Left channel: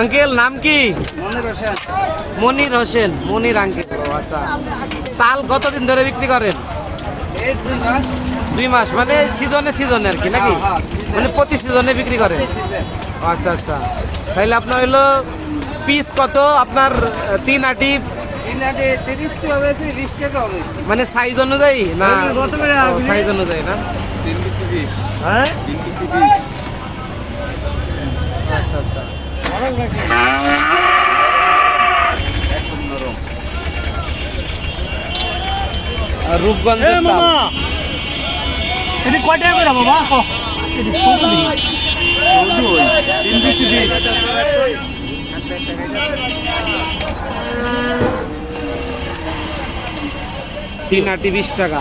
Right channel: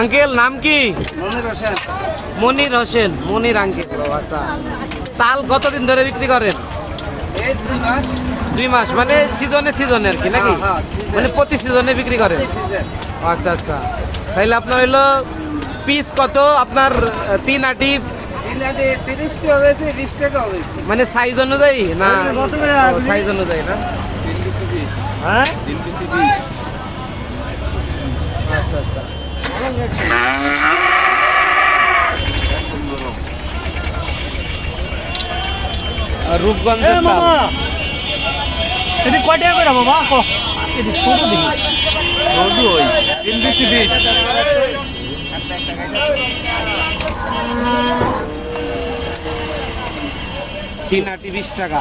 Uncle নাম কি? Monir Hossain. Monir Hossain Monir uncle. ও আচ্ছা। তাল কতদিন ধরে বিক্রি করেন? দুই মাস। দুই মাস মানে সিজনে সিজনে আর কি নাকি? হ্যাঁ, হ্যাঁ। মানে প্রতি সিজনে বিক্রি করেন? আচ্ছা আচ্ছা। তাহলে আপনার হলো পিস কত? আপনার তিন আটি? মানে সাইজ অনুযায়ী? না সাইজ অনুযায়ী না হ্যাঁ? আচ্ছা আচ্ছা। রূপগঞ্জের তাল। এটি কয় টাকা করে বাবা? ক। এটি ছোট তিন আটি বিশ টাকা।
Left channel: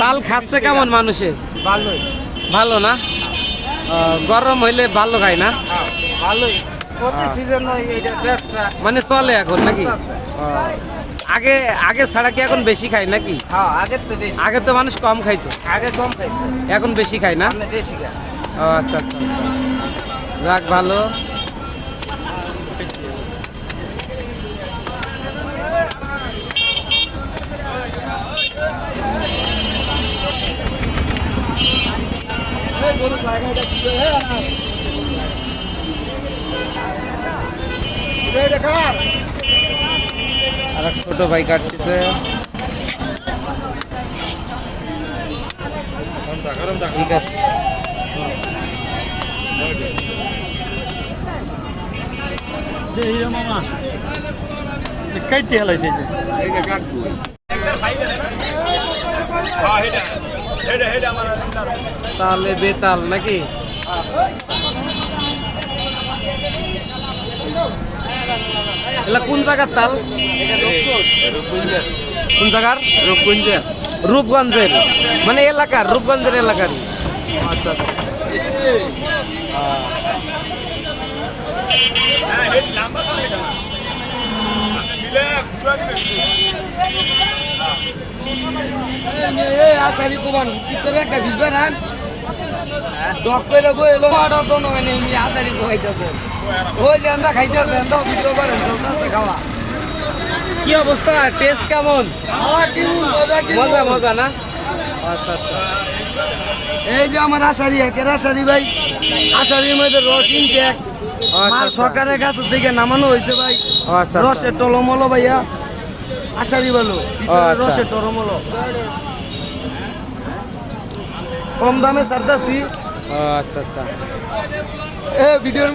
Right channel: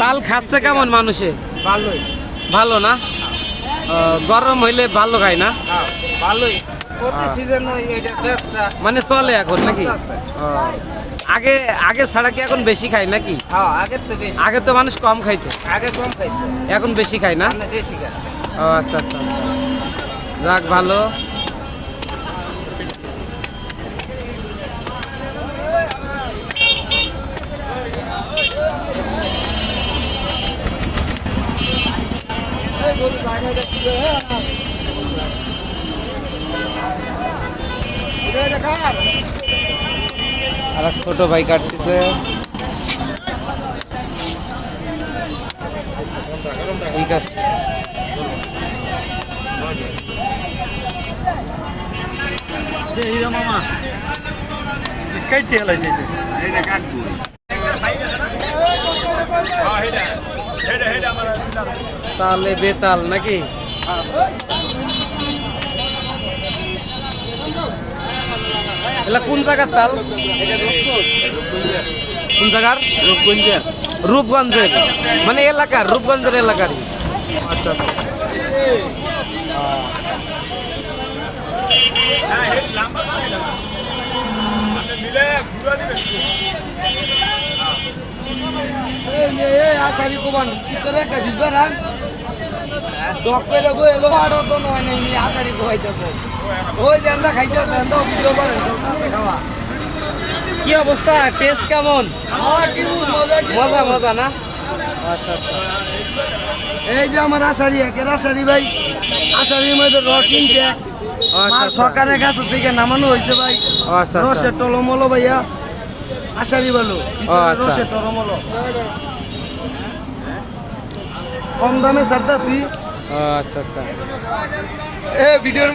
তাল খাচ্ছে কেমন মানুষে ভালোই। ভালো না? গরম হইলে ভালো খায় না? হ্যাঁ ভালোই। হ্যাঁ। মানে চলে এখন নাকি? আগে আগে ছাড়া কি এখন বেশি খায় নাকি? হ্যাঁ আগে তো মানুষ কম খাইতো। আগে কম খাইছে এখন বেশি খায় না? আচ্ছা আচ্ছা আচ্ছা। যাক ভালো। আর ছোট ভাই কাটতেছে। ঠিক আছে। মামা কাইতে হেলাইছে। এইটা কাটবো তালে বেতাল নাকি? এলা কোন জায়গার তাল? কোন জায়গার? রূপগঞ্জের। রূপগঞ্জের মানে এলাকার রূপগঞ্জের এলাকারই। আচ্ছা। আচ্ছা আহ, আশারি কুমান ভিতরে একটা ভিজবে না? ডক্টরে বই এলো মারা তো নয় না এমনি আশারি কোয়াই যাব ওই লেন্দা খাইতে লেন্দা ভিতরে বলেন খাওয়া। কি অবস্থা? টেস্ট কেমন? মজা মজা না? আচ্ছা আচ্ছা। এই যে আমার আশারি একের আশারি ভাই আশারির মধ্যে রস কিনতে আচ্ছা আচ্ছা। সরকারের কাছ থেকে নামানো হয়েছে ভাই। আচ্ছা। রসের টলমলো ভাইয়া। আশারি ভালো রসে আচ্ছা। রসের টলমলো কম দামে সারতাছি আচ্ছা আচ্ছা। এ ভিডিওর